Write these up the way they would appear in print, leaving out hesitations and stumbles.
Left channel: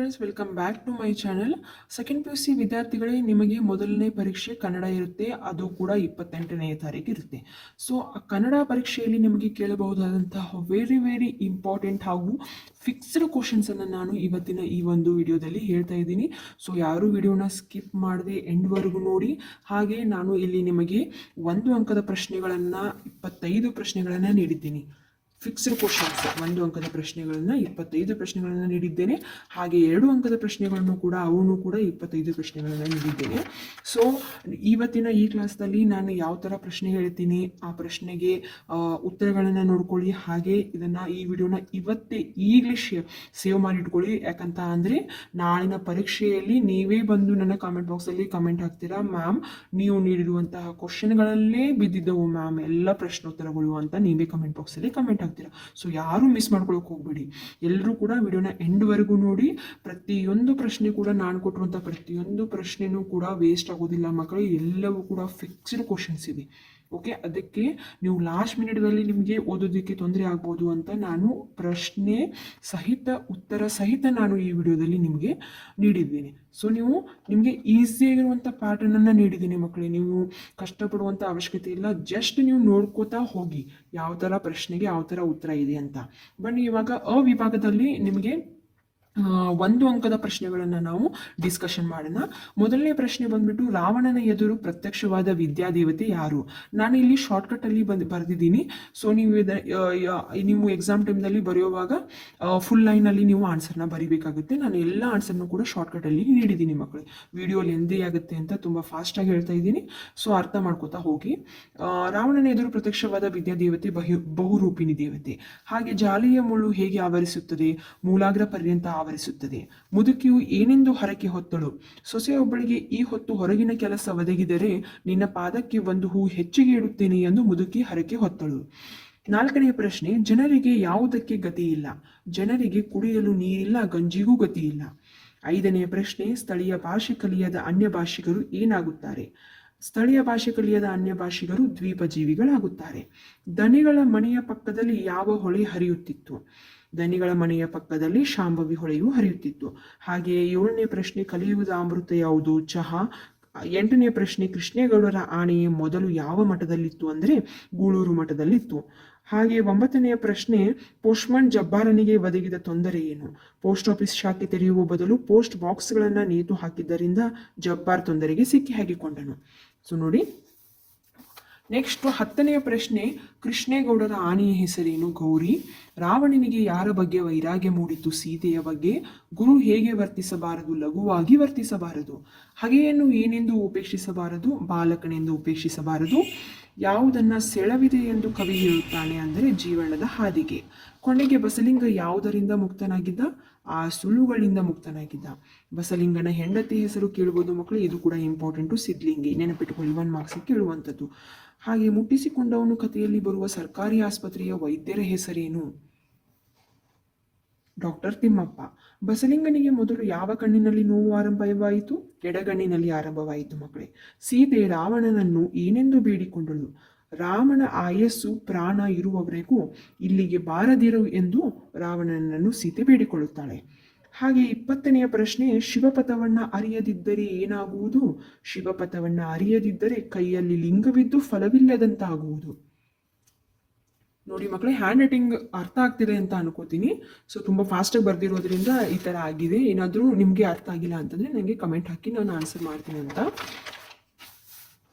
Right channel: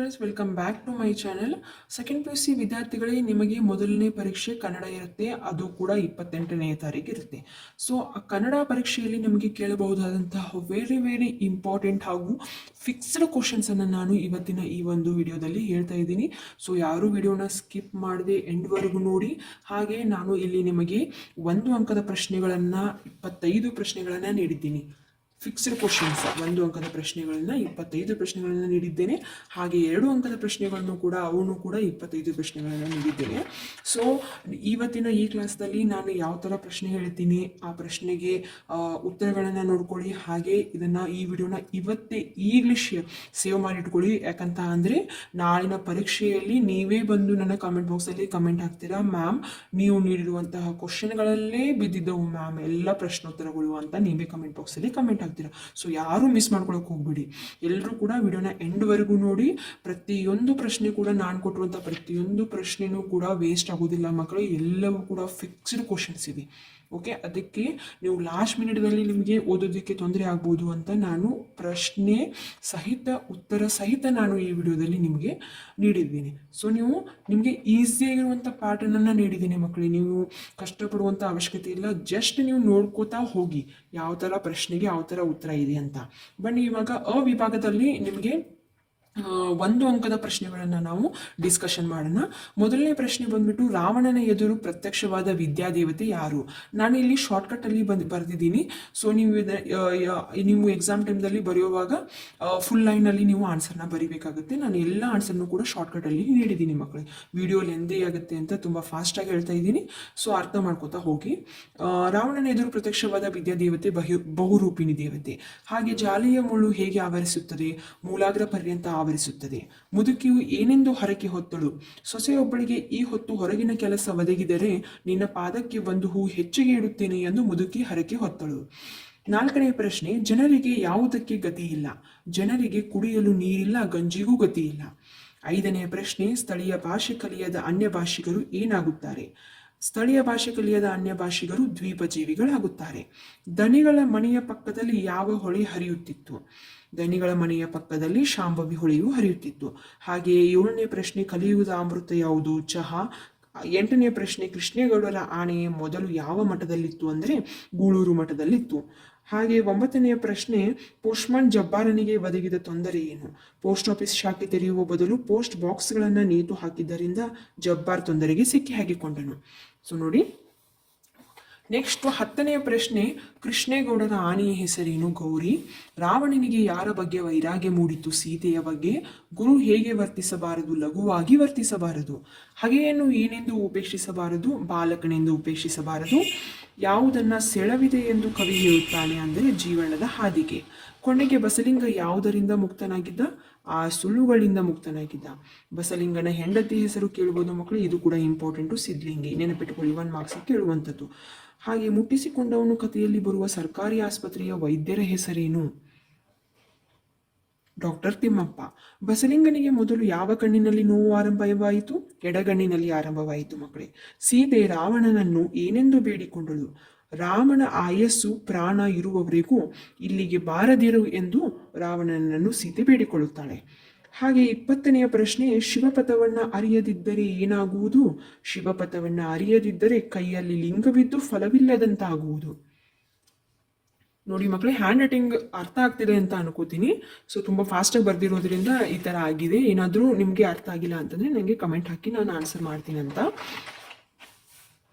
Friends, welcome back to my channel. Second P U C ವಿದ್ಯಾರ್ಥಿಗಳಿಗೆ ನಿಮಗೆ ಮೊದಲನೇ ಪರೀಕ್ಷೆ ಕನ್ನಡ ಇರುತ್ತೆ. ಅದು ಕೂಡ 28ನೇ ತಾರೀಕು ಇರುತ್ತೆ. ಸೊ ಕನ್ನಡ ಪರೀಕ್ಷೆಯಲ್ಲಿ ನಿಮಗೆ ಕೇಳಬಹುದಾದಂತಹ ವೆರಿ ಇಂಪಾರ್ಟೆಂಟ್ ಹಾಗೂ ಫಿಕ್ಸ್ಡ್ ಕ್ವಶನ್ಸನ್ನು ನಾನು ಇವತ್ತಿನ ಈ ಒಂದು ವಿಡಿಯೋದಲ್ಲಿ ಹೇಳ್ತಾ ಇದ್ದೀನಿ. ಸೊ ಯಾರು ವಿಡಿಯೋನ ಸ್ಕಿಪ್ ಮಾಡದೆ ಎಂಡ್ವರೆಗೂ ನೋಡಿ. ಹಾಗೆ ನಾನು ಇಲ್ಲಿ ನಿಮಗೆ 1 ಅಂಕದ ಪ್ರಶ್ನೆಗಳನ್ನು 25 ಪ್ರಶ್ನೆಗಳನ್ನು ನೀಡಿದ್ದೀನಿ. ಫಿಕ್ಸ್ಡ್ ಕ್ವಶನ್ಸ್ 1 ಅಂಕದ ಪ್ರಶ್ನೆಗಳನ್ನು 25 ಪ್ರಶ್ನೆಗಳನ್ನು ನೀಡಿದ್ದೇನೆ. ಹಾಗೆ 2 ಅಂಕದ ಪ್ರಶ್ನೆಗಳನ್ನು ಕೂಡ 25 ಪ್ರಶ್ನೆಗಳನ್ನು ನೀಡಿದ್ದೇನೆ. ಸೊ ಇವತ್ತಿನ ಈ ಕ್ಲಾಸ್ನಲ್ಲಿ ನಾನು ಯಾವ ಥರ ಪ್ರಶ್ನೆ ಹೇಳ್ತೀನಿ ಆ ಪ್ರಶ್ನೆಗೆ ಉತ್ತರಗಳನ್ನು ನೋಡ್ಕೊಳ್ಳಿ. ಹಾಗೆ ಈ ವಿಡಿಯೋನ ಈಗಲೇ ಸೇವ್ ಮಾಡಿಟ್ಕೊಳ್ಳಿ. ಯಾಕಂತ ಅಂದರೆ ನಾಳಿನ ಪರೀಕ್ಷೆಯಲ್ಲಿ ನೀವೇ ಬಂದು ನನ್ನ ಕಾಮೆಂಟ್ ಬಾಕ್ಸಲ್ಲಿ ಕಮೆಂಟ್ ಹಾಕ್ತೀರಾ, ಮ್ಯಾಮ್ ನೀವು ನೀಡಿರುವಂತಹ ಕ್ವಶನ್ಗಳಲ್ಲೇ ಬಿದ್ದಿದ್ದವು ಮ್ಯಾಮ್ ಎಲ್ಲ ಪ್ರಶ್ನೋತ್ತರಗಳು ಅಂತ ನೀವೇ ಕಮೆಂಟ್ ಬಾಕ್ಸಲ್ಲಿ ಕಮೆಂಟ್. ಸೊ ಯಾರು ಮಿಸ್ ಮಾಡ್ಕೊಳಕ್ ಹೋಗ್ಬೇಡಿ. ಎಲ್ಲರೂ ಕೂಡ ವಿಡಿಯೋನ ಎಂಡ್ವರೆಗೂ ನೋಡಿ. ಪ್ರತಿಯೊಂದು ಪ್ರಶ್ನೆ ಕೂಡ ನಾನು ಕೊಟ್ಟಿರುವಂಥ ಪ್ರತಿಯೊಂದು ಪ್ರಶ್ನೆನೂ ಕೂಡ ವೇಸ್ಟ್ ಆಗೋದಿಲ್ಲ ಮಕ್ಕಳು. ಎಲ್ಲವೂ ಕೂಡ ಫಿಕ್ಸ್ಡ್ ಕ್ವಶನ್ಸ್ ಇದೆ. ಓಕೆ, ಅದಕ್ಕೆ ನೀವು ಲಾಸ್ಟ್ ಮಿನಿಟ್ದಲ್ಲಿ ನಿಮಗೆ ಓದೋದಕ್ಕೆ ತೊಂದರೆ ಆಗ್ಬೋದು ಅಂತ ನಾನು ಪ್ರಶ್ನೆ ಸಹಿತ ಉತ್ತರ ಸಹಿತ ನಾನು ಈ ವಿಡಿಯೋದಲ್ಲಿ ನಿಮಗೆ ನೀಡಿದ್ದೀನಿ. ಸೊ ನಿಮಗೆ ಈಸಿಯಾಗಿರುವಂಥ ಪ್ಯಾಟರ್ನನ್ನು ನೀಡಿದ್ದೀನಿ ಮಕ್ಕಳೇ. ನೀವು ಕಷ್ಟಪಡುವಂಥ ಅವಶ್ಯಕತೆ ಇಲ್ಲ. ಜಸ್ಟ್ ನೀವು ನೋಡ್ಕೋತಾ ಹೋಗಿ ಯಾವ ಥರ ಪ್ರಶ್ನೆಗೆ ಯಾವ ಥರ ಉತ್ತರ ಇದೆ ಅಂತ. ಬನ್ನಿ ಇವಾಗ ವಿಭಾಗದಲ್ಲಿ ನಿಮಗೆ 1 ಅಂಕದ ಪ್ರಶ್ನೆಗಳನ್ನು ನಾವು ಡಿಸ್ಕಷನ್ ಮಾಡೋಣ. ಮೊದಲನೇ ಪ್ರಶ್ನೆ ಬಂದ್ಬಿಟ್ಟು, ರಾವಣನ ಎದುರು ಪ್ರತ್ಯಕ್ಷವಾದ ವಿದ್ಯಾದೇವತೆ ಯಾರು? ನಾನು ಇಲ್ಲಿ ಶಾರ್ಟ್ಕಟ್ ಅಲ್ಲಿ ಬರೆದಿದ್ದೀನಿ. ಸೊ ನೀವು ಎಕ್ಸಾಮ್ ಟೈಮ್ದಲ್ಲಿ ಬರೆಯುವಾಗ ಫುಲ್ ಲೈನಲ್ಲಿ ನೀವು ಆನ್ಸರ್ನ ಬರೀಬೇಕಾಗುತ್ತೆ. ನಾನು ಎಲ್ಲ ಆನ್ಸರ್ನು ಕೂಡ ಶಾರ್ಟ್ಕಟ್ ಅಲ್ಲಿ ನೀಡಿದ್ದೀನಿ ಮಕ್ಕಳು. ವಿಡಿಯೋ ಲೆಂದಿ ಆಗುತ್ತೆ ಅಂತ ತುಂಬ ಫಾಸ್ಟಾಗಿ ಹೇಳ್ತಾ ಇದ್ದೀನಿ. ಸೊ ಅರ್ಥ ಮಾಡ್ಕೋತಾ ಹೋಗಿ. ರಾವಣನ ಎದುರು ಪ್ರತ್ಯಕ್ಷವಾದ ವಿದ್ಯಾದೇವತೆ ಬಹುರೂಪಿಣಿ ದೇವತೆ. ಹಾಗೆ ಜಾಲಿಯ ಮುಳ್ಳು ಹೇಗೆ ಆವರಿಸುತ್ತದೆ? ಮೂಲಾಗ್ರ ಪರ್ಯಂತ ಆವರಿಸುತ್ತದೆ. ಮುದುಕಿಯು ಏನೆಂದು ಹರಕೆ ಹೊತ್ತಳು? ಸೊಸೆಯೊಬ್ಬಳಿಗೆ ಈ ಹೊತ್ತು ಹೊರಗಿನ ಕೆಲಸ ಒದಗಿದರೆ ನಿನ್ನ ಪಾದಕ್ಕೆ 1 ಹೂ ಹೆಚ್ಚಿಗೆ ಇಡುತ್ತೇನೆ ಎಂದು ಮುದುಕಿ ಹರಕೆ ಹೊತ್ತಳು. 4ನೇ ಪ್ರಶ್ನೆ, ಜನರಿಗೆ ಯಾವುದಕ್ಕೆ ಗತಿ ಇಲ್ಲ? ಜನರಿಗೆ ಕುಡಿಯಲು ನೀರಿಲ್ಲ, ಗಂಜಿಗೂ ಗತಿ ಇಲ್ಲ. 5ನೇ ಪ್ರಶ್ನೆ, ಸ್ಥಳೀಯ ಭಾಷೆ ಕಲಿಯದ ಅನ್ಯ ಭಾಷಿಗರು ಏನಾಗುತ್ತಾರೆ? ಸ್ಥಳೀಯ ಭಾಷೆ ಕಲಿಯದ ಅನ್ಯ ಭಾಷಿಗರು ದ್ವೀಪಜೀವಿಗಳಾಗುತ್ತಾರೆ. ದನಿಗಳ ಮನೆಯ ಪಕ್ಕದಲ್ಲಿ ಯಾವ ಹೊಳೆ ಹರಿಯುತ್ತಿತ್ತು? ದನಿಗಳ ಮನೆಯ ಪಕ್ಕದಲ್ಲಿ ಶಾಂಭವಿ ಹೊಳೆಯು ಹರಿಯುತ್ತಿತ್ತು. ಹಾಗೆ 7ನೇ ಪ್ರಶ್ನೆ, ಕಲಿಯುವುದ ಅಮೃತ ಯಾವುದು? ಚಹಾ. 8ನೇ ಪ್ರಶ್ನೆ, ಕೃಷ್ಣೇಗೌಡರ ಆಣೆ ಮೊದಲು ಯಾವ ಮಠದಲ್ಲಿತ್ತು ಅಂದರೆ ಗೂಳೂರು ಮಠದಲ್ಲಿತ್ತು. ಹಾಗೆ 9ನೇ ಪ್ರಶ್ನೆ, ಪೋಸ್ಟ್ಮನ್ ಜಬ್ಬಾರನಿಗೆ ಒದಗಿದ ತೊಂದರೆ ಏನು? ಪೋಸ್ಟ್ ಆಫೀಸ್ ಶಾಖೆ ತೆರೆಯುವ ಬದಲು ಪೋಸ್ಟ್ ಬಾಕ್ಸ್ಗಳನ್ನು ನೇತು ಹಾಕಿದ್ದರಿಂದ ಜಬ್ಬಾರ್ ತೊಂದರೆಗೆ ಸಿಕ್ಕಿ ಹಾಕಿಕೊಂಡನು. ಸೊ ನೋಡಿ, ನೆಕ್ಸ್ಟ್ 10ನೇ ಪ್ರಶ್ನೆ, ಕೃಷ್ಣೇಗೌಡರ ಆನೆಯ ಹೆಸರೇನು? ಗೌರಿ. ರಾವಣನಿಗೆ ಯಾರ ಬಗ್ಗೆ ವೈರಾಗ್ಯ ಮೂಡಿತು? ಸೀತೆಯ ಬಗ್ಗೆ. ಗುರು ಹೇಗೆ ವರ್ತಿಸಬಾರದು? ಲಘುವಾಗಿ ವರ್ತಿಸಬಾರದು. ಹಗೆಯನ್ನು ಏನೆಂದು ಉಪೇಕ್ಷಿಸಬಾರದು? ಬಾಲಕನೆಂದು ಉಪೇಕ್ಷಿಸಬಾರದು. ಯಾವುದನ್ನ ಸೆಳವಿದೆ ಎಂದು ಕವಿ ಹೇಳುತ್ತಾನೆ ಅಂದರೆ ಜೀವನದ ಹಾದಿಗೆ. ಕೊನೆಗೆ ಬಸಲಿಂಗ ಯಾವುದರಿಂದ ಮುಕ್ತನಾಗಿದ್ದ? ಆ ಸುಳ್ಳುಗಳಿಂದ ಮುಕ್ತನಾಗಿದ್ದ. ಬಸಲಿಂಗನ ಹೆಂಡತಿ ಹೆಸರು ಕೇಳುವುದು ಮಕ್ಕಳು. ಇದು ಕೂಡ ಇಂಪಾರ್ಟೆಂಟು, ಸಿದ್ಲಿಂಗಿ. ನೆನಪಿಟ್ಟುಕೊಳ್ಳಿ, 1 ಮಾರ್ಕ್ಸ್ ಕೇಳುವಂಥದ್ದು. ಹಾಗೆ ಮುಟ್ಟಿಸಿಕೊಂಡವನು ಕಥೆಯಲ್ಲಿ ಬರುವ ಸರ್ಕಾರಿ ಆಸ್ಪತ್ರೆಯ ವೈದ್ಯರ ಹೆಸರೇನು? ಡಾಕ್ಟರ್ ತಿಮ್ಮಪ್ಪ. ಬಸಲಿಂಗನಿಗೆ ಮೊದಲು ಯಾವ ಕಣ್ಣಿನಲ್ಲಿ ನೋವು ಆರಂಭವಾಯಿತು? ಎಡಗಣ್ಣಿನಲ್ಲಿ ಆರಂಭವಾಯಿತು ಮಕ್ಕಳೇ. ಸೀತೆ ರಾವಣನನ್ನು ಏನೆಂದು ಬೇಡಿಕೊಂಡಳು? ರಾಮನ ಆಯಸ್ಸು ಪ್ರಾಣ ಇರುವವರೆಗೂ ಇಲ್ಲಿಗೆ ಬಾರದಿರು ಎಂದು ರಾವಣನನ್ನು ಸೀತೆ ಬೇಡಿಕೊಳ್ಳುತ್ತಾಳೆ. ಹಾಗೆ 20ನೇ ಪ್ರಶ್ನೆ, ಶಿವಪಥವನ್ನ ಅರಿಯದಿದ್ದರೆ ಏನಾಗುವುದು? ಶಿವಪಥವನ್ನ ಅರಿಯದಿದ್ದರೆ ಕೈಯಲ್ಲಿ ಲಿಂಗವಿದ್ದು ಫಲವಿಲ್ಲದಂತಾಗುವುದು. ನೋಡಿ ಮಕ್ಕಳೇ, ಹ್ಯಾಂಡ್ ರೈಟಿಂಗ್ ಅರ್ಥ ಆಗ್ತಿದೆ ಅಂತ ಅನ್ಕೋತೀನಿ. ಸೊ ತುಂಬ ಫಾಸ್ಟಾಗಿ ಬರ್ದಿರೋದ್ರಿಂದ ಈ ಥರ ಆಗಿದೆ. ಏನಾದರೂ ನಿಮಗೆ ಅರ್ಥ ಆಗಿಲ್ಲ ಅಂತಂದರೆ ನನಗೆ ಕಮೆಂಟ್ ಹಾಕಿ ನಾನು ಆನ್ಸರ್ ಮಾಡ್ತೀನಿ ಅಂತ.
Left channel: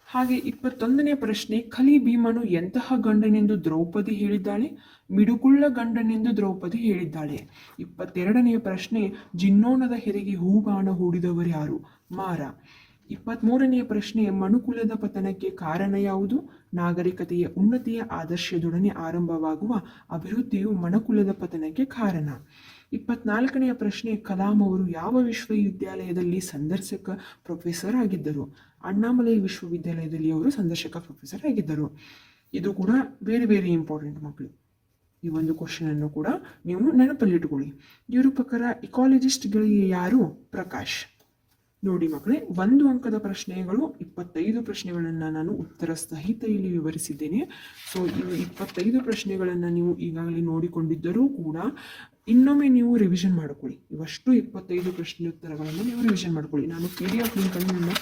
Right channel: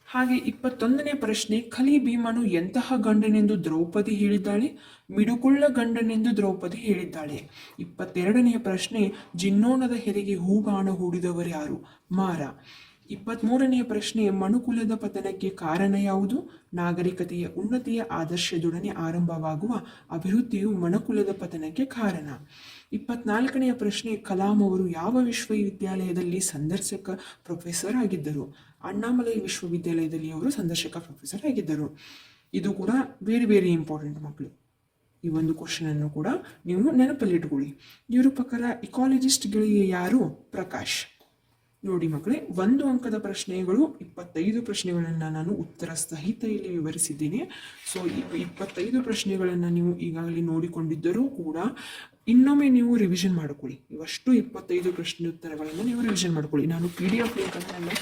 ಹಾಗೆ 21ನೇ ಪ್ರಶ್ನೆ, ಖಲಿ ಭೀಮನು ಎಂತಹ ಗಂಡನೆಂದು ದ್ರೌಪದಿ ಹೇಳಿದ್ದಾಳೆ? ಮಿಡುಕುಳ್ಳ ಗಂಡನೆಂದು ದ್ರೌಪದಿ ಹೇಳಿದ್ದಾಳೆ. 22ನೆಯ ಪ್ರಶ್ನೆ, ಜಿನ್ನೋಣದ ಹೆರಿಗೆ ಹೂಗಾಣ ಹೂಡಿದವರು ಯಾರು? ಮಾರ. 23ನೆಯ ಪ್ರಶ್ನೆ, ಮನುಕುಲದ ಪತನಕ್ಕೆ ಕಾರಣ ಯಾವುದು? ನಾಗರಿಕತೆಯ ಉನ್ನತಿಯ ಆದರ್ಶದೊಡನೆ ಆರಂಭವಾಗುವ ಅಭಿವೃದ್ಧಿಯು ಮನುಕುಲದ ಪತನಕ್ಕೆ ಕಾರಣ. 24ನೆಯ ಪ್ರಶ್ನೆ, ಕಲಾಂ ಅವರು ಯಾವ ವಿಶ್ವವಿದ್ಯಾಲಯದಲ್ಲಿ ಸಂದರ್ಶಕ ಪ್ರೊಫೆಸರ್ ಆಗಿದ್ದರು? ಅಣ್ಣಾಮಲೈ ವಿಶ್ವವಿದ್ಯಾಲಯದಲ್ಲಿ ಅವರು ಸಂದರ್ಶಕ ಪ್ರೊಫೆಸರ್ ಆಗಿದ್ದರು. ಇದು ಕೂಡ ವೆರಿ ಇಂಪಾರ್ಟೆಂಟ್ ಮಕ್ಕಳು. ಈ ಒಂದು ಕ್ವಶನ್ ಅನ್ನು ಕೂಡ ನೀವು ನೆನಪಲ್ಲಿಟ್ಟುಕೊಳ್ಳಿ. ಇವರು ಪ್ರಕಾರ ಇಕಾಲಜಿಸ್ಟ್ಗಳಿಗೆ ಯಾರು? ಪ್ರಕಾಶ್. ನೋಡಿ ಮಕ್ಕಳೇ, 1 ಅಂಕದ ಪ್ರಶ್ನೆಗಳು 25 ಪ್ರಶ್ನೆಗಳನ್ನು ನಾನು ಉತ್ತರ ಸಹಿತ ಇಲ್ಲಿ ವಿವರಿಸಿದ್ದೇನೆ. ಸೊ ಇವು 25 ಪ್ರಶ್ನೆಗಳನ್ನು ನೀವು ಈಗಾಗಲೇ ನೋಡಿಕೊಂಡಿದ್ದರೂ ಕೂಡ ಇನ್ನೊಮ್ಮೆ ನೀವು ರಿವಿಷನ್ ಮಾಡ್ಕೊಳ್ಳಿ. ಇವಷ್ಟು 25 ಪ್ರಶ್ನೋತ್ತರಗಳನ್ನು ನೀವು ರಿವಿಷನ್ ಮಾಡ್ಕೊಳ್ಳಿ. ನಾನು PDF ಲಿಂಕನ್ನು ನಾನು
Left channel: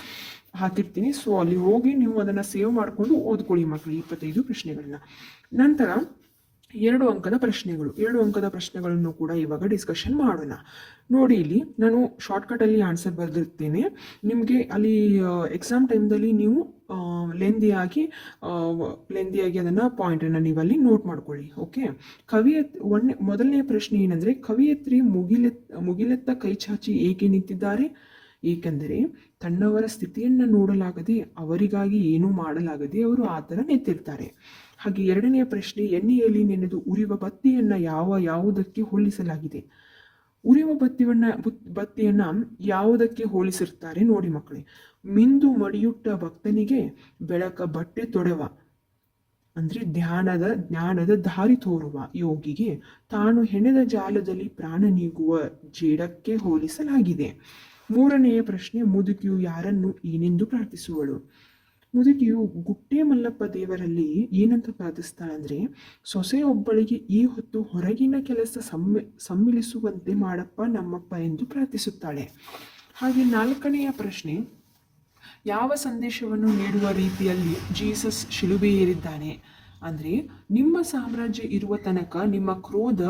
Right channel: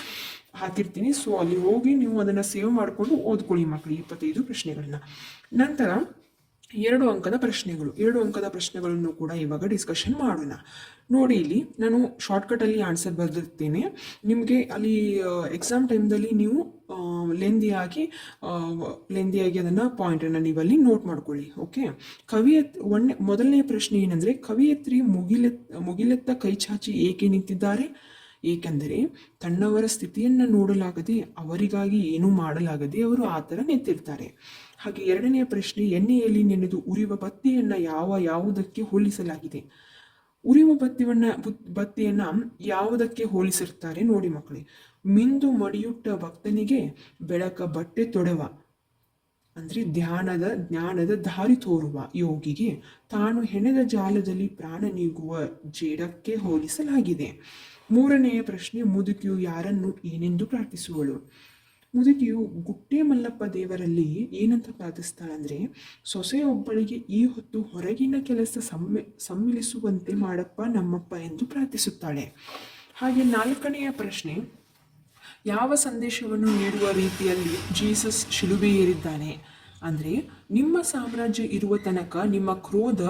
ಹಾಕಿರ್ತೀನಿ. ಸೊ ಅಲ್ಲಿ ಹೋಗಿ ನೀವು ಅದನ್ನು ಸೇವ್ ಮಾಡಿಕೊಂಡು ಓದ್ಕೊಳ್ಳಿ ಮಕ್ಕಳು 25 ಪ್ರಶ್ನೆಗಳನ್ನ. ನಂತರ 2 ಅಂಕದ ಪ್ರಶ್ನೆಗಳನ್ನು ಕೂಡ ಇವಾಗ ಡಿಸ್ಕಷನ್ ಮಾಡೋಣ. ನೋಡಿ, ಇಲ್ಲಿ ನಾನು ಶಾರ್ಟ್ಕಟಲ್ಲಿ ಆನ್ಸರ್ ಬರೆದಿರ್ತೇನೆ. ನಿಮಗೆ ಅಲ್ಲಿ ಎಕ್ಸಾಮ್ ಟೈಮ್ದಲ್ಲಿ ನೀವು ಲೆಂದಿಯಾಗಿ ಅದನ್ನು ಪಾಯಿಂಟನ್ನು ನೀವು ಅಲ್ಲಿ ನೋಟ್ ಮಾಡ್ಕೊಳ್ಳಿ. ಓಕೆ, ಮೊದಲನೇ ಪ್ರಶ್ನೆ ಏನಂದರೆ, ಕವಿಯತ್ರಿ ಮುಗಿಲೆತ್ತ ಕೈ ಚಾಚಿ ಏಕೆ ನಿಂತಿದ್ದಾರೆ? ಏಕೆಂದರೆ ತನ್ನವರ ಸ್ಥಿತಿಯನ್ನು ನೋಡಲಾಗದೆ, ಅವರಿಗಾಗಿ ಏನೂ ಮಾಡಲಾಗದೆ ಅವರು ಆ ಥರ ನಿಂತಿರ್ತಾರೆ. ಹಾಗೆ ಎರಡನೆಯ ಪ್ರಶ್ನೆ, ಎಣ್ಣೆಯಲ್ಲಿ ನೆನೆದು ಉರಿಯುವ ಬತ್ತಿಯನ್ನು ಯಾವುದಕ್ಕೆ ಹೋಲಿಸಲಾಗಿದೆ? ಉರಿಯುವ ಬತ್ತಿಯನ್ನು ಯಾವುದಕ್ಕೆ ಹೋಲಿಸಿರ್ತಾರೆ ನೋಡಿ ಮಕ್ಕಳೇ. ಮಿಂದು ಮಡಿಯುಟ್ಟ ಭಕ್ತನಿಗೆ ಬೆಳಕ ಬಟ್ಟೆ ತೊಡವ, ಅಂದರೆ ಜ್ಞಾನದ ದಾರಿ ತೋರುವ ಯೋಗಿಗೆ ತಾನು ಹೆಣೆದ ಜಾಲದಲ್ಲಿ ಪ್ರಾಣ ನೀಗುವ ಜೇಡಕ್ಕೆ ಹೋಲಿಸಲಾಗಿದೆ. ಮೂರನೆಯ ಪ್ರಶ್ನೆ, ಮುದುಕಿಯು ಯಾರನ್ನು ಏನೆಂದು ಪ್ರಾರ್ಥಿಸುವಳು? ಮುದುಕಿಯು ಗುಟ್ಟೆ ಮಲ್ಲಪ್ಪ ದೇವರಲ್ಲಿ ಏನಂತ ಪ್ರಾರ್ಥಿಸ್ತಾಳೆ ಅಂದರೆ, ಸೊಸೆಯೊಬ್ಬಳಿಗೆ ಈ ಹೊತ್ತು ಹೊರಗಿನ ಕೆಲಸ ಸಮ್ಮಿಳಿಸುವಂತೆ ಮಾಡಪ್ಪ ನಮ್ಮಪ್ಪ ಎಂದು ಪ್ರಾರ್ಥಿಸುತ್ತಾಳೆ. ಹಾಗೆ ನಾಲ್ಕನೆಯ ಪ್ರಶ್ನೆ, ಯಾವ ಸಂದೇಶವನ್ನು ನೀಡುವ ರೀತಿಯಲ್ಲಿ ಜೀಸಸ್ ಶಿಲುಬೆ ಏರಿದ್ದಾನೆ? ಅಂದರೆ, ನಿಮ್ಮ ಸಾಮ್ರಾಜ್ಯ ಇರುವ ತನಕ ನಿಮ್ಮ ಕ್ರೋಧ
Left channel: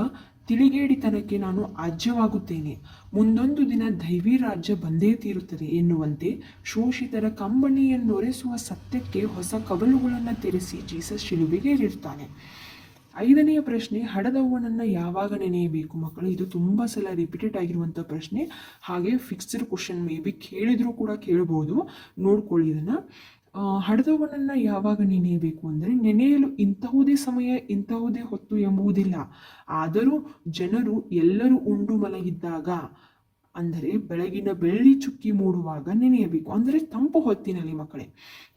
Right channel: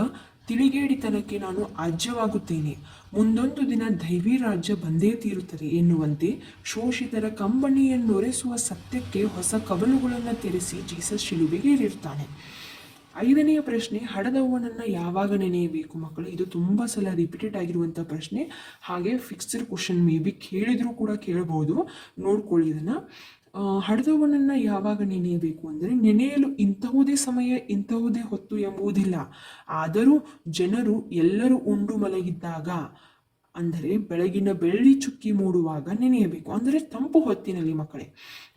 ತಿಳಿಗೇಡಿತನಕ್ಕೆ ನಾನು ಆಜ್ಯವಾಗುತ್ತೇನೆ. ಮುಂದೊಂದು ದಿನ ದೈವಿ ರಾಜ್ಯ ಬಂದೇ ತೀರುತ್ತದೆ ಎನ್ನುವಂತೆ ಶೋಷಿತರ ಕಂಬನಿಯನ್ನೊರೆಸುವ ಸತ್ಯಕ್ಕೆ ಹೊಸ ಕವಲುಗಳನ್ನು ತೆರೆಸಿ ಜೀಸಸ್ ಶಿಲುಬೆಗೆ ಏರಿರ್ತಾನೆ. ಐದನೆಯ ಪ್ರಶ್ನೆ, ಹಡದವ್ವನನ್ನು ಯಾವಾಗ ನೆನೆಯಬೇಕು ಮಕ್ಕಳು? ಇದು ತುಂಬ ಸಲ ರಿಪೀಟೆಡ್ ಆಗಿರುವಂಥ ಪ್ರಶ್ನೆ. ಹಾಗೆ ಫಿಕ್ಸ್ಡ್ ಕ್ವಶನ್ ಮೇ ಬಿ ಕೇಳಿದರೂ ಕೂಡ ಕೇಳಬಹುದು, ನೋಡ್ಕೊಳ್ಳಿ ಇದನ್ನು. ಹಡದವನನ್ನು ಯಾವಾಗ ನೆನೆಯಬೇಕು ಅಂದರೆ, ನೆನೆಯಲು ಇಂತಹುದೇ ಸಮಯ ಇಂತಹುದೇ ಹೊತ್ತು ಎಂಬುವುದಿಲ್ಲ, ಆದರೂ ಜನರು ಎಲ್ಲರೂ ಉಂಡು ಮಲಗಿದ್ದಾಗ, ಅಂದರೆ ಬೆಳಗಿನ ಬೆಳ್ಳಿ ಚುಕ್ಕಿ ಮೂಡುವಾಗ ನೆನೆಯಬೇಕು. ಅಂದರೆ ತಂಪು ಹೊತ್ತಿನಲ್ಲಿ ಮಕ್ಕಳೇ,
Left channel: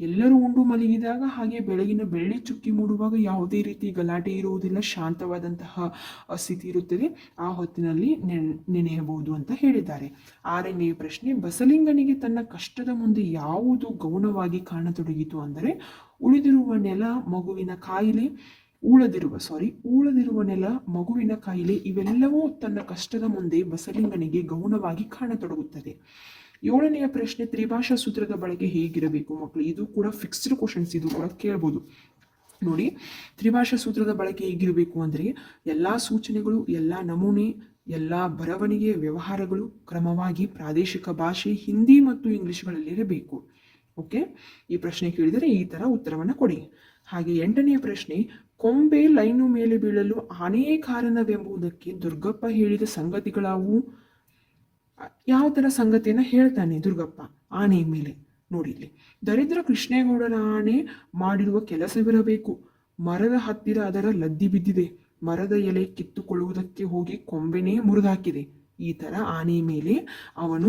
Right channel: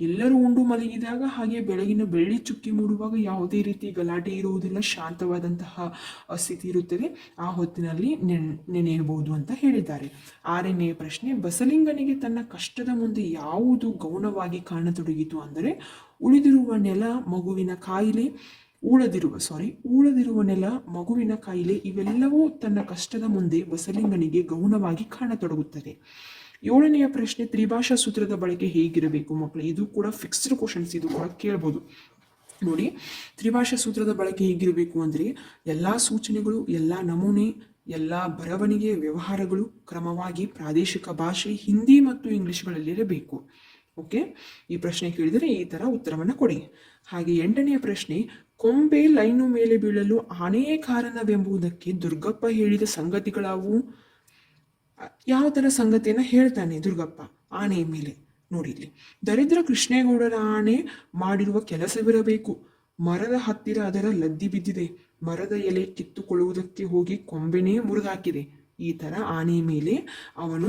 ಎಲ್ಲರೂ ಉಂಡು ಮಲಗಿದಾಗ, ಹಾಗೆ ಬೆಳಗಿನ ಬೆಳ್ಳಿ ಚುಕ್ಕಿ ಮೂಡುವಾಗ ಯಾವುದೇ ರೀತಿ ಗಲಾಟೆ ಇರುವುದಿಲ್ಲ, ಶಾಂತವಾದಂತಹ ಸ್ಥಿತಿ ಇರುತ್ತದೆ. ಆ ಹೊತ್ತಿನಲ್ಲಿ ನೆನೆಯಬಹುದು ಅಂತ ಹೇಳಿದ್ದಾರೆ. ಆರನೆಯ ಪ್ರಶ್ನೆ, ಬಸಲಿಂಗನಿಗೆ ತನ್ನ ಕಷ್ಟದ ಮುಂದೆ ಯಾವುದು ಗೌಣವಾಗಿ ಕಾಣತೊಡಗಿತು ಅಂದರೆ, ಉಳಿದಿರುವ ನೆಲ ಮಗುವಿನ ಕಾಯಿಲೆ ಊಳದಿರುವ ನೆಲ ಮಗುವಿನ ಕಾಯಿಲೆ ಇವೆಲ್ಲವೂ ತನ್ನ ಕಷ್ಟದ ಮುಂದೆ ಬಸಲಿಂಗನಿಗೆ ಗೌಣವಾಗಿ ಕಾಣತೊಡಗುತ್ತದೆ. ಏಳನೆಯ ಪ್ರಶ್ನೆ, ತ್ರಿಭಾಷಾ ಸೂತ್ರದ ಬಳಕೆ ಹೇಗಿರಬೇಕು ಮಕ್ಕಳು? ಇದು ಕೂಡ ಫಿಕ್ಸ್ಡ್ ಕ್ವಶನ್ಸ್, ಇದು ಕೂಡ ಕೇಳ್ಬೋದು ನೋಡಿ. ತ್ರಿಭಾಷಾ ಸೂತ್ರದ ಬಳಕೆ ಹೇಗಿರಬೇಕು ಅಂದರೆ, ಎಲ್ಲ ಸೂಚನೆಗಳು, ಎಲ್ಲ ನಮೂನೆ, ಎಲ್ಲ ಬರವಣಿಗೆ ವ್ಯವಹಾರಗಳು ಕ್ರಮವಾಗಿ ಪ್ರಾದೇಶಿಕ ಭಾಷೆ ಹಿಂದಿ ಮತ್ತು ಇಂಗ್ಲಿಷ್ಗಳಲ್ಲಿರಬೇಕು. ಓಕೆ, ಈ ಪ್ರಶ್ನೆ ಕೇಳಿದರೆ ಈ ಥರ ಉತ್ತರವನ್ನು ಕೊಡಿ. ಹಾಗೆ ಎಂಟನೆಯ ಪ್ರಶ್ನೆ, ಕೊಂಬೆ ಲೈನು ಮೇಲೆ ಬೀಳಲು ಆನೆಯೇ ಕಾರಣವೆಂಬುದಕ್ಕೆ ದುರ್ಗಪ್ಪ ಹೇಳಿದ ಸಂಗತಿಗಳಾವು? ಯಾವ ಥರ ಸಂಗತಿಯನ್ನು ಹೇಳ್ತಾನೆ ದುರ್ಗಪ್ಪ ಆನೆಯ ಮೇಲೆ? ನೋಡಿ ಇಲ್ಲಿ, ದರಿದ್ರ ಕೃಷ್ಣೇಗೌಡರ ಆನೆ ಮಾಡಿರುವ ಕೆಲಸವಿರಬೇಕು. ಮರದ ಹತ್ತಿರ ಅದರ ಲದ್ದಿ ಬಿದ್ದಿದೆ, ಮರದ ಎಲೆ ಕಿತ್ತುಕೊಳ್ಳುವುದಕ್ಕೆ ಹೋಗಿ ಕೊಂಬೆನೇ ಮುರಿದಾಕಿದೆ. ಈ ಥರ ಆನೆಯ ಮೇಲೆ ಅವನು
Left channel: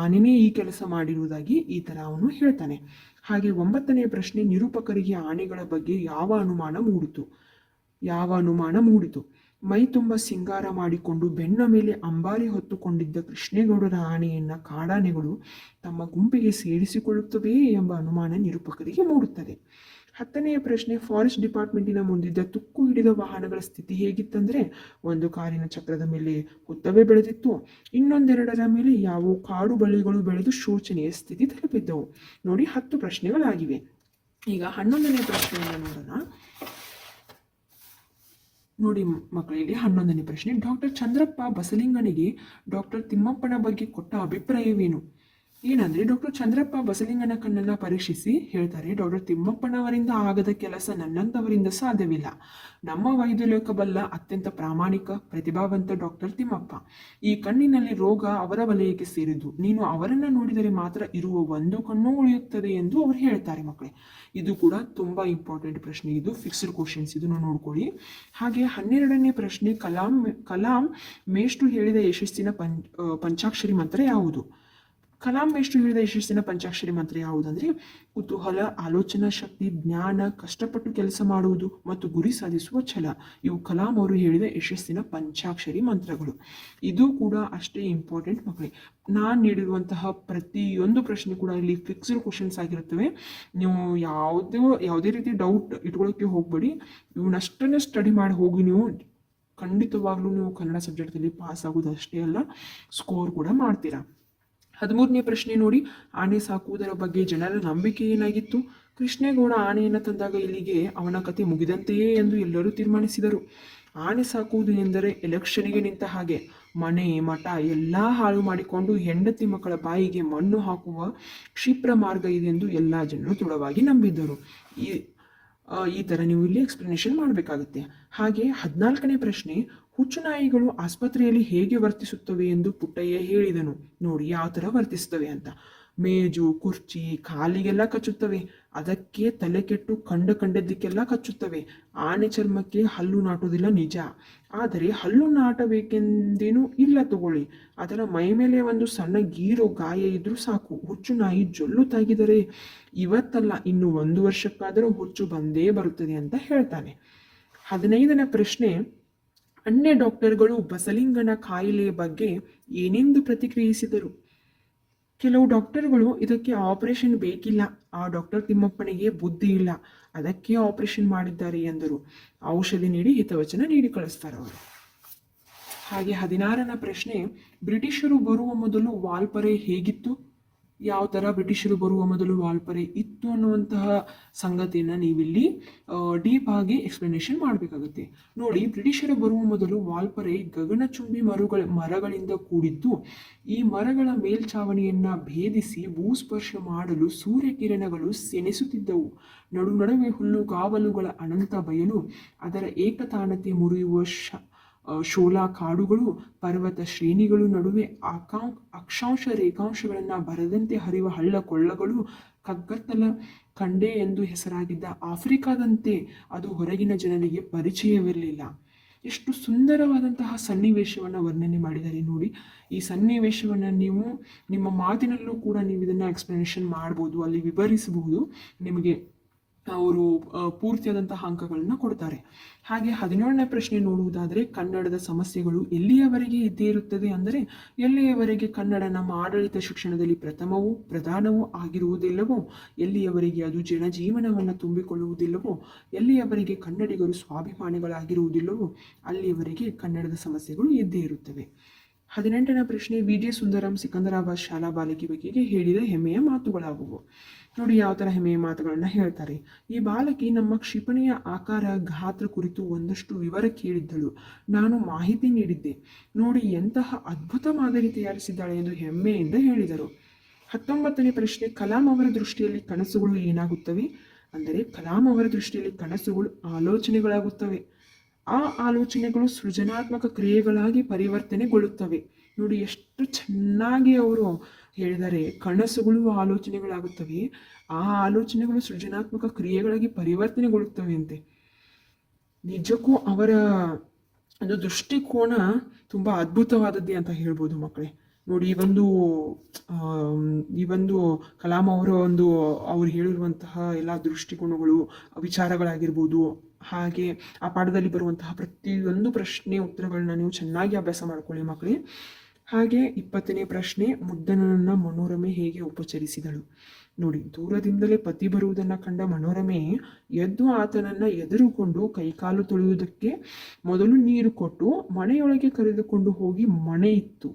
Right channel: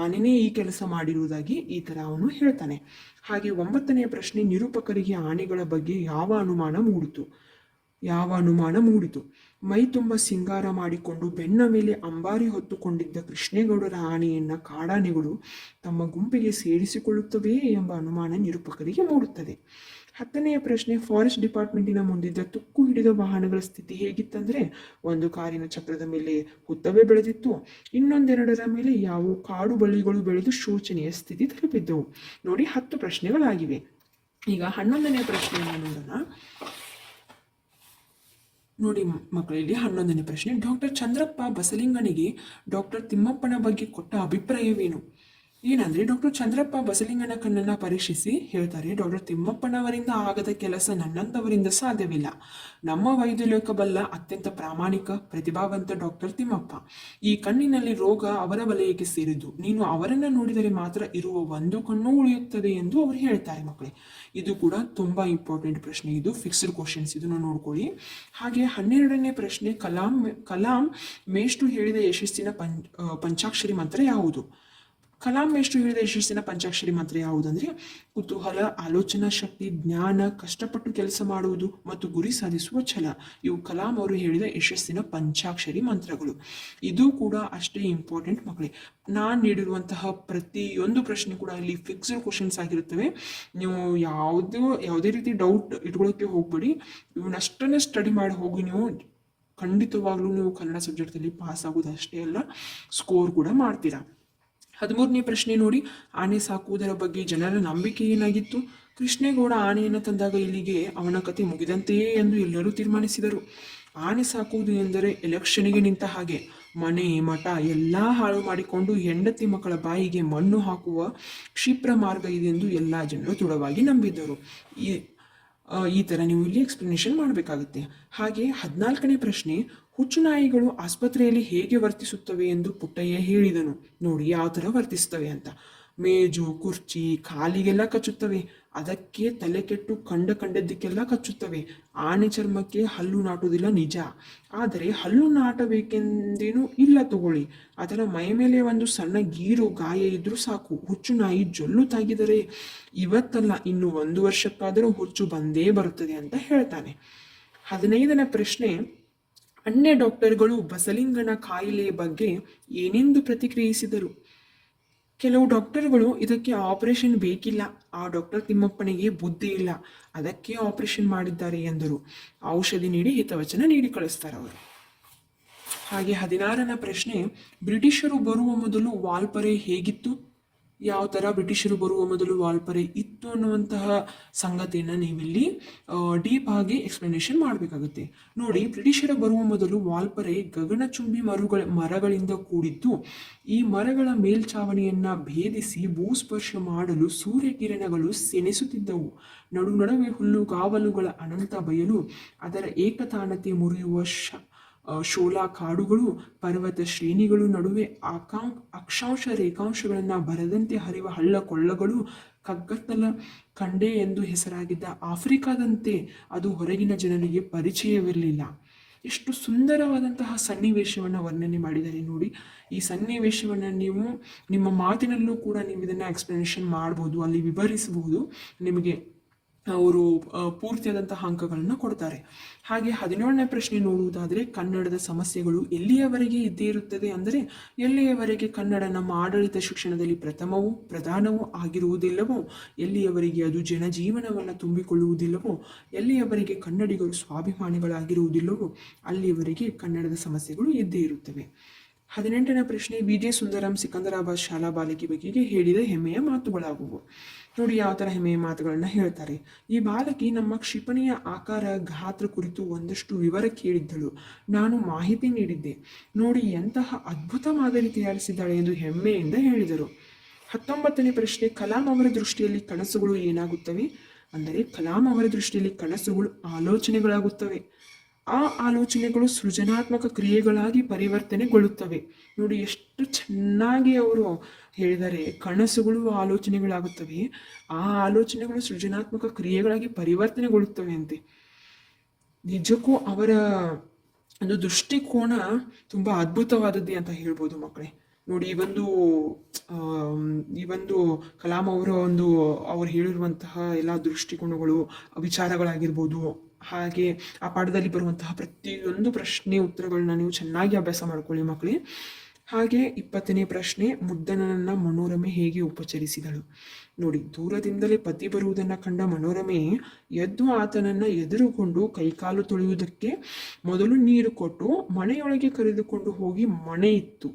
ಆನೆನೇ ಈ ಕೆಲಸ ಮಾಡಿರುವುದಾಗಿ ಈ ಥರ ಅವನು ಹೇಳ್ತಾನೆ. ಹಾಗೆ ಒಂಬತ್ತನೆಯ ಪ್ರಶ್ನೆ, ನಿರೂಪಕರಿಗೆ ಆನೆಗಳ ಬಗ್ಗೆ ಯಾವ ಅನುಮಾನ ಮೂಡಿತು? ಮೈ ತುಂಬ ಸಿಂಗಾರ ಮಾಡಿಕೊಂಡು ಬೆನ್ನ ಮೇಲೆ ಅಂಬಾರಿ ಹೊತ್ತುಕೊಂಡಿದ್ದ ಕೃಷ್ಣೇಗೌಡರ ಆನೆಯನ್ನ ಕಾಡಾನೆಗಳು ತಮ್ಮ ಗುಂಪಿಗೆ ಸೇರಿಸಿಕೊಳ್ಳುತ್ತವೆಯೇ ಎಂಬ ಅನುಮಾನ ನಿರೂಪಕರಿಗೆ ಮೂಡುತ್ತದೆ. ಹತ್ತನೆಯ ಪ್ರಶ್ನೆ, ಫಾರೆಸ್ಟ್ ಡಿಪಾರ್ಟ್ಮೆಂಟಿನ ಮುಂದಿದ್ದ ತುಕ್ಕು ಹಿಡಿದ ವಾಹನಗಳ ಸ್ಥಿತಿ ಹೇಗಿತ್ತಂದ್ರೆ, ಒಂದು ಕಾರಿನ ಚಕ್ರದ ಮೇಲೆ ಹುತ್ತವೇ ಬೆಳೆದಿತ್ತು, ಇನ್ನೊಂದೆರಡರ ಮೇಲೆ ಯಾವ ಕಾಡು ಬಳ್ಳಿಗಳು ಬೆಳೆದು ಶೋಚನೀಯ ಸ್ಥಿತಿ ತಲುಪಿದ್ದವು. ನೋಡಿ, 10 ಪ್ರಶ್ನೆಗಳಾಗಿವೆ. ಈಗ 11ನೇ ಪ್ರಶ್ನೆಯನ್ನು ನೋಡೋಣ. ನೋಡಿ ಮಕ್ಕಳು, ಇಲ್ಲಿ 11ನೇ ಪ್ರಶ್ನೆ, ಡಾಕ್ಟರ್ ಚಂದ್ರಪ್ಪ ಬಸಲಿಂಗನಿಗೆ ಡಾಕ್ಟರ್ ತಿಮ್ಮಪ್ಪನ ಬಗ್ಗೆ ಕೊಟ್ಟ ಅಭಿಪ್ರಾಯವೇನು? ಏನಂದ್ರೆ, ಡಾಕ್ಟರ್ ಚಂದ್ರಪ್ಪ ಬಸಲಿಂಗನ ಕಣ್ಣನ್ನು ಪರೀಕ್ಷಿಸಿ ಹೇಳ್ತಾರೆ, ಡಾಕ್ಟರ್ ತಿಮ್ಮಪ್ಪನವರಿಂದ ಆಗದ ಕೆಲಸ ನನ್ನಂಥವರಿಂದ ಸಾಧ್ಯವಿಲ್ಲ. ನಮ್ಮ ವೈದ್ಯಲೋಕ ಬಲ್ಲ ಅತ್ಯಂತ ಪ್ರಾಮಾಣಿಕ ಪ್ರತಿಭಾವಂತ ಡಾಕ್ಟರ್ ತಿಮ್ಮಪ್ಪ. ಈ ಕಣ್ಣಿನಲ್ಲಿ ರೋಗ ಅವರ ವಲಯಕ್ಕೆ ಸೇರಿದ್ದು, ನೀನು ಅವರನ್ನು ನೋಡಿದರೆ ಮಾತ್ರ ಇರುವ ಒಂದು ಕಣ್ಣು ಉಳಿಯುತ್ತದೆ ಎಂದು ಅವರು ಹೇಳ್ತಾರೆ ಮಕ್ಕಳೇ. ಇದು ಕೂಡ ತುಂಬಾ ಇಂಪಾರ್ಟೆಂಟ್ ಪ್ರಶ್ನೆ, ಇದು ಫಿಕ್ಸ್ಡ್ ಕ್ವಶನ್ಸ್, ಇದನ್ನು ನೋಡ್ಕೊಳ್ಳಿ. ಹಾಗೆ 12ನೇ ಪ್ರಶ್ನೆ, ಕಲಾಂ ಮೇಷ್ಟ್ರು ಹೇಳಿದ ಯಶಸ್ಸಿನ ಪಂಚಾಕ್ಷರಿ ಮಂತ್ರ ಯಾವುದು? ಕಲಾಂ ಮೇಷ್ಟ್ರು ಹೇಳಿದ ಯಶಸ್ಸಿನ ಪಂಚಾಕ್ಷರಿ ಮಂತ್ರ ಯಾವುದಂದ್ರೆ, ಕುತೂಹಲ, ಆಲೋಚನಾ ಶಕ್ತಿ, ಜ್ಞಾನ, ಕಷ್ಟಪಟ್ಟು ಕೆಲಸ ಮಾಡುವುದು ಮತ್ತು ಗುರಿ ಸಾಧಿಸುವ ಛಲ. ಇವು ಕಲಾಂ ಅವರು ಹೇಳಿದ ಯಶಸ್ಸಿನ ಪಂಚಾಕ್ಷರಿ ಮಂತ್ರಗಳು. ಇದು ಕೂಡ ಅಷ್ಟೇ ಇಂಪಾರ್ಟೆಂಟ್ ಮಕ್ಕಳೇ. ನಾನು ನೀಡಿರುವಂತಹ ಪ್ರತಿಯೊಂದು ಪ್ರಶ್ನೆ ಕೂಡ ಇಲ್ಲಿ ಫಿಕ್ಸ್ಡ್ ಕ್ವಶನ್ಸ್ ಆಗಿರುತ್ತವೆ. ನೀವು ಯಾವುದೇ ರೀತಿ ಡೌಟ್ ಇಟ್ಕೊಳ್ಳೋಕ್ಕೆ ಹೋಗ್ಬೇಡಿ. ಇವನ್ನಷ್ಟನ್ನೇ ಸ್ಟಡಿ ಮಾಡಿ ಹೋಗಿ ನೀವು ಖಂಡಿತವಾಗ್ಲೂ ನೀವು ಕನ್ನಡ ಸಬ್ಜೆಕ್ಟಲ್ಲಿ ಪಾಸ್ ಆಗೋದು ಅಷ್ಟೇ ಅಲ್ಲ, ಸ್ಕೋರ್ ಕೂಡ ಮಾಡ್ತೀರಾ. 13ನೇ ಪ್ರಶ್ನೆ ನೋಡಿ, ಆನೆ ಸಾಕುವುದರ ಬಗ್ಗೆ ಜನರ ನಂಬಿಕೆ ಏನಾಗಿತ್ತು? ಕೃಷ್ಣೇಗೌಡ ಆನೆಯನ್ನು ತಂದಾಗ ಇಲ್ಲಿಗೆ ಅವನ ಕತೆ ಮುಗಿದಂತೆಯೇ ಎಂದು ಎಲ್ಲರೂ ತೀರ್ಮಾನಿಸಿದರು. ಆನೆ ಸಾಕುವುದು ಎಂದರೆ ಎಲೆಕ್ಷನ್ಗೆ ನಿಂತ ಹಾಗೆ, ಮನೆ ಮಠ ಎಲ್ಲ ಹಾಳು ಮಾಡಿಕೊಂಡು ಹೆಂಡತಿ ಮಕ್ಕಳ ಬಾಯಿಗೆ ಮಣ್ಣು ಹಾಕುವ ಕ್ಷಿಪ್ರ ಮಾರ್ಗ ಇದೆಂದು ಎಲ್ಲ ಜನರು ದೃಢವಾಗಿ ನಂಬಿದ್ದರು. ಈ ಥರ ನೀವು ಇಲ್ಲಿ ಎಕ್ಸ್ಪ್ಲನೇಷನ್ ಮಾಡಬೇಕಾಗುತ್ತೆ. ಹಾಗೆ 14ನೇ ಪ್ರಶ್ನೆ, ಹುಚ್ಚು ನಾಯಿಗಳು ಆಸ್ಪತ್ರೆಯಲ್ಲಿ ಹೇಗೆ ವರ್ತಿಸುತ್ತವೆ ಎಂದು ಪುಟ್ಟಯ್ಯ ಹೇಳಿದನು. ನೋಡಿ ಯಾವ ಥರ ವರ್ತಿಸ್ತವೆ ಅಂತ. ಮೇಜು ಕುರ್ಚಿ ಕಾಲಿಗೆಲ್ಲ ಕಚ್ಚುತ್ತವೆ, ಅದಕ್ಕೆ ತಲೆ ಕೆಟ್ಟು ಕಂಡದ್ದಕ್ಕೆಲ್ಲ ಕಚ್ಚುತ್ತವೆ. ಆನೆ ಚರ್ಮಕ್ಕೆ ಹಲ್ಲು ನಾಟುವುದಿಲ್ಲ ನಿಜ, ಆದರೆ ಹಲ್ಲು ನಾಟಬೇಕೆಂದೇನೂ ಇಲ್ಲ ತಗೊಳ್ಳಿ. ಅದರ ಮೈ ಮೇಲೆ ಒಂದು ಸಣ್ಣ ಗೀರು ಗಾಯ ಇದ್ರೂ ಸಾಕು, ಹುಚ್ಚು ನಾಯಿ ಜೊಲ್ಲು ತಾಗಿದರೆ ಇವತ್ತಲ್ಲ ಇನ್ನು 1 ವರ್ಷಕ್ಕಾದರೂ ಹುಚ್ಚು ಬಂದೇ ಬರುತ್ತದೆ ಅಂತ ಹೇಳ್ತಾನೆ. 15ನೇ ಪ್ರಶ್ನೆ, ಅನ್ಯ ಡಾಕ್ಟರ್ಗಳು ಬಸಲಿಂಗನ ಕಾಯಿಲೆಯ ಬಗ್ಗೆ ಏನೆಂದು ಪ್ರತಿಕ್ರಿಯಿಸಿದರು? ಕೆಲವು ಡಾಕ್ಟರ್ಗಳು ಇದಕ್ಕೆ ಆಪರೇಷನ್ ಬೇಕಿಲ್ಲ, ಆ ಡಾಕ್ಟರ್ ತಿಮ್ಮಪ್ಪನಿಗೆ ಬುದ್ಧಿ ಇಲ್ಲ, ಅದಕ್ಕೆ ಆಪರೇಷನ್ ಮಾಡಿದ್ದಾರೆ ಎಂದರು. ಔಷಧಿ ನೀಡಿ ಹಿತವಚನ ನೀಡಿ ಕಳಿಸ್ತಾರೆ ಅವರು. ಹಾಗೆ 16ನೇ ಪ್ರಶ್ನೆ, ಬ್ರಿಟಿಷರು ಬರುವ ಮೊದಲು ವಾಲ್ಪರೆ ಹೇಗಿತ್ತು? ಯಾವ ಥರ ಬ್ರಿಟಿಷರು ಬರುವ ಮೊದಲು ವಾಲ್ಪರೆ ಇತ್ತು ಅನ್ನುವಂತಹ ಸಂಗತಿಯನ್ನು ನೀವಿಲ್ಲಿ ಡೀಪ್ ಆಗಿ ಎಕ್ಸ್ಪ್ಲನೇಷನ್ ಮಾಡಬೇಕಾಗುತ್ತೆ. ನೋಡಿ, ಬ್ರಿಟಿಷರು ಬರುವ ಮೊದಲು ವಾಲ್ಪರೆ ಗಗನಚುಂಬಿ ಮರಗಳಿಂದ ಕೂಡಿದ್ದು. ಈ ಮರಗಳ ಮೇಲ್ಛಾವಣಿಯನ್ನ ಭೇದಿಸಿ ಭೂಸ್ಪರ್ಶ ಮಾಡಲು ಸೂರ್ಯಕಿರಣಗಳು ಸೆಣಸುತ್ತಿದ್ದವು. ನಡುವೆ ಹುಲ್ಲುಗಾವಲುಗಳ ಅನಂತ ಬಯಲು, ಅದರ ಏಕತಾನತೆ ಮುರಿಯುವ ಶೋಲಾ ಕಾಡುಗಳು, ಪರ್ವತ ಶ್ರೇಣಿಗಳು, ನಡುವೆ ಅಕ್ಷಾಂಶ ರೇಖಾಂಶಗಳನ್ನು ಬರದಂತೆ ಹರಿವ ಹಳ್ಳ ಕೊಳ್ಳಗಳು, ಕಗ್ಗತ್ತಲ ಖಂಡೆ ಎಂದು ಹೆಸರಾಗಿದ್ದ ಆಫ್ರಿಕಾದಂತೆ ಅದು ಹೊರಗಿನ ಜನರಿಗೆ ಪರಿಚಯವಿರಲಿಲ್ಲ. ಎಷ್ಟು ಸುಂದರವಾದಂತಹ ಸನ್ನಿವೇಶವನ್ನು ವರ್ಣನೆ ಮಾಡಿದ್ದಾರೆ ನೋಡಿ. ಈ ಸನ್ನಿವೇಶವನ್ನು ನೀವು ನಿಮ್ಮ ಮಾತಿನಲ್ಲೂ ಕೂಡ ನೀವು ಇದನ್ನು ಎಕ್ಸ್ಪ್ಲನೇಷನ್ ಮಾಡ್ಬೋದು, ಅಲ್ಲಿ ವಿವರಿಸಬಹುದು. ನಿಮಗೆ ಅವರು ಪೂರ್ತಿಯಾದಂತಹ ಅಂಕಗಳನ್ನು ಕೊಡ್ತಾರೆ. ಹಾಗೆ 17ನೇ ಪ್ರಶ್ನೆ ನೋಡುವುದಾದರೆ, ಕನ್ನಡದ ಸಮಸ್ಯೆಗಳು ಎಲ್ಲಿಯವರೆಗೆ ಇದ್ದೇ ಇರುತ್ತದೆ ಅಂದರೆ, ಎಲ್ಲಿಯವರೆಗೆ ಕನ್ನಡ ನಮ್ಮ ಆಡಳಿತ ಶಿಕ್ಷಣದಲ್ಲಿ ಪ್ರಥಮವೂ ಪ್ರಧಾನವೂ ಆಗಿರುವುದಿಲ್ಲವೋ, ಎಲ್ಲಿಯವರೆಗೆ ಅದು ಜನಜೀವನವನ್ನು ತುಂಬಿಕೊಳ್ಳುವುದಿಲ್ಲವೋ, ಎಲ್ಲಿಯವರೆಗೆ ಕನ್ನಡಿಗರು ಸ್ವಾಭಿಮಾನಿಗಳಾಗಿರುವುದಿಲ್ಲವೋ ಅಲ್ಲಿಯವರೆಗೆ ಕನ್ನಡದ ಸಮಸ್ಯೆಗಳು ಇದ್ದೇ ಇರುತ್ತವೆ. 18ನೇ ಪ್ರಶ್ನೆ, ವಿಜಯ ಸುಂದರಂ ಸಿಕಂದರಾಬಾದ್ ಶಾಲಾ ಬಾಲಕಿ ಬಗೆಗೆ ಹೇಳಿದ ಹೆಮ್ಮೆಯ ಮಾತುಗಳಾಗುವು. ನೋಡಿ ಯಾವ ಥರ ಹೆಮ್ಮೆಯ ಮಾತುಗಳನ್ನು ಹೇಳ್ತಾರೆ. ಈ ಬಾಲಕಿ ನಮ್ಮ ಕ್ಷಿಪಣಿಯ ಆಕಾರ ಗಾತ್ರ ಕುರಿತು ಒಂದಷ್ಟು ವಿವರ ಕೇಳಿದ್ದಳು. ನಾನು ಮಾಹಿತಿ ನೀಡಿದ್ದೆ. ನೋಡಿ ಎಂತಹ ಅದ್ಭುತ ಮಾದರಿ ತಯಾರಿಸಿದ್ದಾಳೆ ಎಂದು ಹೆಮ್ಮೆಯಿಂದ ಹೇಳಿದರು. 19ನೇ ಪ್ರಶ್ನೆ, ಕಲಾಂ ಅವರ ದೃಷ್ಟಿಯಲ್ಲಿ ಕನಸುಗಳು ಏನಾಗುತ್ತವೆ ಅಂದರೆ, ಕಲಾಂ ಅವರ ದೃಷ್ಟಿಯಲ್ಲಿ ಕನಸುಗಳು ಆಲೋಚನೆಗಳಾಗುತ್ತವೆ. ಆ ಆಲೋಚನೆಗಳು ಸೃಜನಾತ್ಮಕ ಕ್ರಿಯೆಗಳಾಗಿ ಪರಿವರ್ತನೆಗೊಳ್ಳುತ್ತವೆ. ನೋಡಿ ಎಷ್ಟು ಚೆನ್ನಾಗಿ ಅವರು ಹೇಳಿದರೆ, ಕನಸುಗಳು ಆಲೋಚನೆಗಳಾಗುತ್ತವೆ, ಆ ಆಲೋಚನೆಗಳು ಸೃಜನಾತ್ಮಕ ಕ್ರಿಯೆಗಳಾಗಿ ಪರಿವರ್ತನೆಗೊಳ್ಳುತ್ತವೆ ಅಂತೆ. ನಿಜಕ್ಕೂ ಅವರ ಒಂದು ದೃಷ್ಟಿಕೋನ ತುಂಬ ಅದ್ಭುತವಾದದ್ದೇ ಅಂತ ಹೇಳ್ಬೋದು ಮಕ್ಕಳೇ. ನೋಡಿ ಈ ಒಂದು ಕಲಾಂ ಅವರ ಅವ್ರು ಹೇಳಿರುವಂತಹ ಎಲ್ಲ ದೃಷ್ಟಿಕೋನಗಳು, ವಿಚಾರಗಳಾಗಿರ್ಬೋದು, ಹಾಗೆ ಆ ಪಾಠದಲ್ಲಿ ಬರುವಂತಹ ಪ್ರತಿಯೊಂದು ಪ್ರಶ್ನೆ ಉತ್ತರಗಳನ್ನ ನೀವು ಚೆನ್ನಾಗಿ ಅಭ್ಯಾಸ ಮಾಡ್ಕೊಳ್ಳಿ ಮಕ್ಕಳೇ. ಹಾಗೆ 20ನೇ ಪ್ರಶ್ನೆ, ಮುದ್ದನನ್ನ ಮನೋರಮೆ ಹೇಗೆ ಉಪಚರಿಸಿದಳು? ನೋಡಿ, ದೂರದಿಂದಲೇ ಪತಿ ಬರುವುದನ್ನು ಕಂಡ ಮನೋರಮೆ ಎದ್ದು ಆತನನ್ನ ಎದುರುಕೊಂಡು ಕೈಕಾಲು ತೊಳೆಯುವುದಕ್ಕೆ ಮೊದಲು ನೀರು ಕೊಟ್ಟು ಮನೆಯೊಳಗೆ ಕರೆದುಕೊಂಡು ಹೋಗಿ ಮಣೆ ಇತ್ತು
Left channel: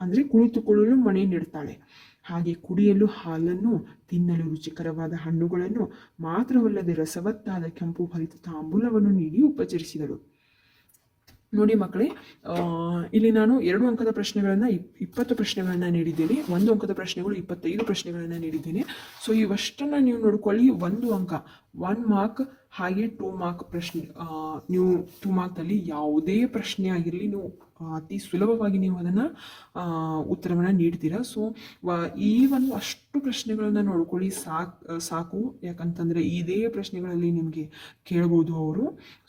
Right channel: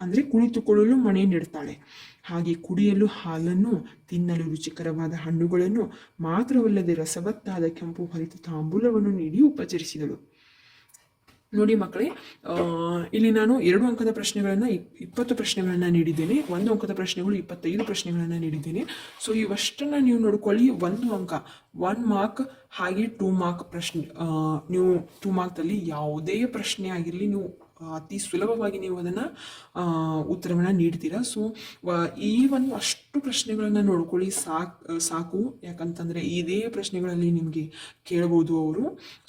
ಅಂದರೆ ಕುಳಿತುಕೊಳ್ಳಲು ಮಣೆ ನೆಡ್ತಾಳೆ. ಹಾಗೆ ಕುಡಿಯಲು ಹಾಲನ್ನು, ತಿನ್ನಲು ರುಚಿಕರವಾದ ಹಣ್ಣುಗಳನ್ನು, ಮಾತ್ರವಲ್ಲದೆ ರಸವತ್ತಾದ ಕೆಂಪು ಹರಿತ ತಾಂಬೂಲವನ್ನು ನೀಡಿ ಉಪಚರಿಸಿದಳು. ನೋಡಿ ಮಕ್ಕಳೇ, ಇಲ್ಲಿ ನಾನು 2 ಅಂಕದ ಪ್ರಶ್ನೆಗಳನ್ನು 20 ಪ್ರಶ್ನೆಗಳನ್ನು ನೀಡಿದ್ದೇನೆ, 1 ಅಂಕದ ಪ್ರಶ್ನೆಗಳು 25 ಪ್ರಶ್ನೆಗಳನ್ನು ನೀಡಿದ್ದೇನೆ. ಸೊ ಇವಷ್ಟನ್ನು ನೀವು ನೋಡ್ಕೊಳ್ಳಿ. 1 ಅಂಕ 1 ಮಾರ್ಕ್, ಹಾಗೆ 2 ಮಾರ್ಕ್ ಪ್ರಶ್ನೆ. ನೀವು 2 ಮಾರ್ಕ್ದಲ್ಲಿ ಯಾವುದೇ ಪ್ರಶ್ನೆ ಆಗಿರಲಿ ನೀವು ಅತಿ ಸುಲಭವಾಗಿ ನೀವು ಅದನ್ನು ಉತ್ತರವನ್ನು ನೀಡ್ತೀರಾ. ಸೊ ಈ ಒಂದು ಅಷ್ಟು ಪ್ರಶ್ನೆಗಳನ್ನು ನೋಡ್ಕೊಳ್ಳಿ ಸಾಕು. ಯಾಕಂತಂದರೆ ಇದೇ ಪ್ರಶ್ನೆಗಳಲ್ಲಿ ನಿಮಗೆ ಕೇಳ್ಬೋದು ಅವರು.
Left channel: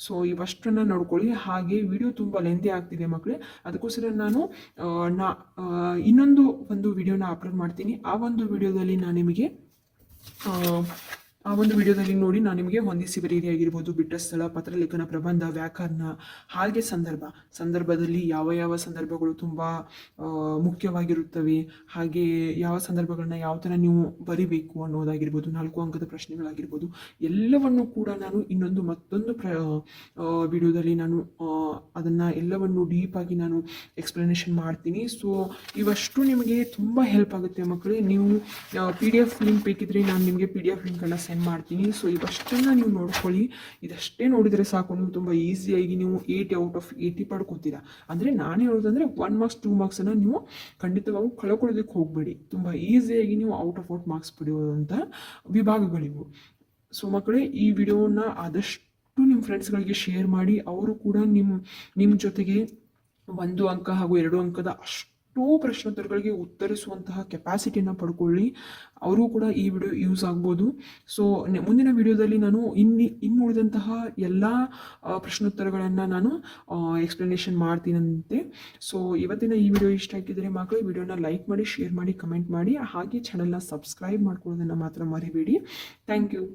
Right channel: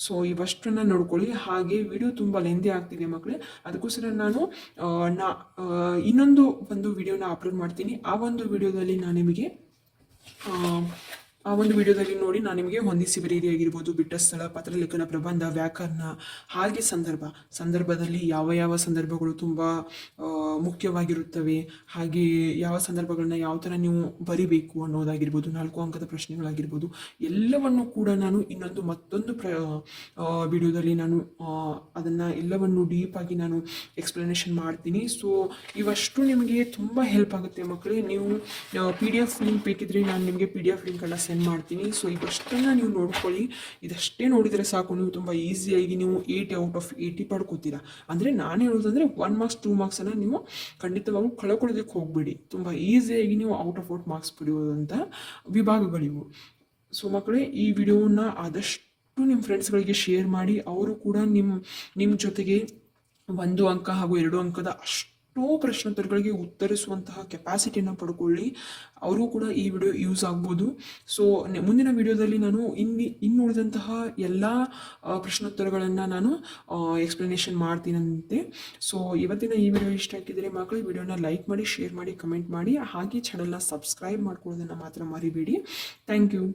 ಸೊ ಇವಷ್ಟನ್ನು ನೋಡ್ಕೊಳ್ಳಿ. ಹಾಗೆ ವಿಡಿಯೋ ತುಂಬ ಲೆಂದಿ ಆಗ್ತಿದೆ ಮಕ್ಕಳೇ, ಅದಕ್ಕೋಸ್ಕರ ನಾನು ಇನ್ನೊಂದು ವಿಡಿಯೋನ ಅಪ್ಲೋಡ್ ಮಾಡ್ತೀನಿ. ಆ ಒಂದು ವಿಡಿಯೋದಲ್ಲಿ ನಾನು ನಿಮಗೆ ಆ ಒಂದು ವಿಡಿಯೋದಲ್ಲಿ ನೋಡಿ ನಾನು ನಿಮಗೆ ಹೊಂದಿಸಿ ಬರೆಯಿರಿ ಆಗಿರ್ಬೋದು, ಬಿಟ್ಟ ಸ್ಥಳ, ಪತ್ರಲೇಖನ, ಪ್ರಬಂಧ, ವ್ಯಾಕರಣ, ಹಾಗೆ ಸಂದರ್ಭದಲ್ಲಿ ಯಾವ ಯಾವ ಸಂದರ್ಭಗಳು ತುಂಬ ಮುಖ್ಯವಾಗಿರುತ್ತವೆ, ಹಾಗೆ ಯಾವ ಸಂದರ್ಭಗಳನ್ನ ಯಾವ ಥರ ನೀವು ಬರಿಬೇಕು ಅನ್ನೋದಾಗಿರ್ಬೋದು, 4 ಅಂಕದ ಪ್ರಶ್ನೆಗಳಾಗಿರ್ಬೋದು, ಎಲ್ಲವನ್ನು ಕೂಡ ನಾನು ಮತ್ತೊಂದು ವಿಡಿಯೋದಲ್ಲಿ ನಾನು ಅದನ್ನು ಎಲ್ಲವನ್ನು ಡೀಪಾಗಿ ನಾನು ಎಕ್ಸ್ಪ್ಲನೇಷನ್ ಮಾಡ್ತೀನಿ. ಸೊ ಇವಷ್ಟು ನಿಮಗೆ ತುಂಬ ಹೆಲ್ಪ್ ಆಗುತ್ತೆ ಮಕ್ಕಳೇ. ನೀವು PDF ಲಿಂಕ್ ಬೇಕಿದ್ರೆ ನಾನು ನಿಮಗೆ PDF ಲಿಂಕನ್ನು ಸೆಂಡ್ ಮಾಡ್ತೀನಿ. ಸೊ ಇವಷ್ಟನ್ನು ನೀವು ನೋಡ್ಕೊಳ್ಳಿ. ಇದಷ್ಟೇ ನೋಡಿದರೆ ಸಾಕು, ನೀವು ತುಂಬ ಈಸಿಯಾಗಿ ನೀವು 80 ಔಟ್ ಆಫ್ 80 ಪಡ್ಕೋತೀರಾ. ಅಂದರೆ ನಾನು ಹೇಳೋದಂದರೆ 1 ಮಾರ್ಕ್ಸ್ 2 ಮಾರ್ಕ್ಸನ್ನು ನೀವು ಖಂಡಿತವಾಗೂ ಕಳ್ಕೊಳ್ಳೋದಕ್ಕೆ ಹೋಗಬೇಡಿ. ತುಂಬ ಈಸಿಯಾಗಿ ನೀವು ಔಟ್ ಆಫ್ ಮಾರ್ಕ್ಸ್ ಪಡೆಯುವಂಥ ವಿಭಾಗಗಳಿವು. ಸೊ ಮಕ್ಕಳೇ, ಈ ವಿಡಿಯೋನ ಆದಷ್ಟು ನಿಮ್ಮ ಫ್ರೆಂಡ್ಸ್ಗಳಿಗೆ ಶೇರ್ ಮಾಡಿ. ಅವರು ಕೂಡ ನಿಮ್ಮ ಜೊತೆಗೆ 1 ಅಂಕ ಹಾಗೂ 2 ಅಂಕದ ಅಷ್ಟು ಪ್ರಶ್ನೋತ್ತರಗಳಿಗೆ ಉತ್ತರಿಸುವಂತಹ ಕೆಪಾಸಿಟಿಯನ್ನು ಪಡ್ಕೊಳ್ಳಿ. ಅವರು ಕೂಡ ಈ ವಿಡಿಯೋ ಯೂಸ್ ಆಗ್ಬೋದು. ಸೊ ಮುಂದಿನ ವಿಡಿಯೋದಲ್ಲಿ ನಾನು ಇನ್ನು ಉಳಿದಂತಹ ಎಲ್ಲ ಪ್ರಶ್ನೋತ್ತರಗಳನ್ನು ನಾನು ಎಕ್ಸ್ಪ್ಲನೇಷನ್ ಮಾಡ್ತೀನಂತೆ. ಸೊ ಇವತ್ತಿನ ಈ ವಿಡಿಯೋ ಇಷ್ಟ ಆಗಿದ್ದರೆ ಮಕ್ಕಳು ವಿಡಿಯೋನ ಲೈಕ್ ಮಾಡಿ, ಶೇರ್ ಮಾಡಿ, ಕಮೆಂಟ್ ಮಾಡಿ, ಹಾಗೆ ಚಾನಲ್ನ ಸಬ್ಸ್ಕ್ರೈಬ್ ಮಾಡ್ಕೊಳ್ಳೋದನ್ನು ಮಾತ್ರ ಮರಿಬೇಡಿ. Thank you.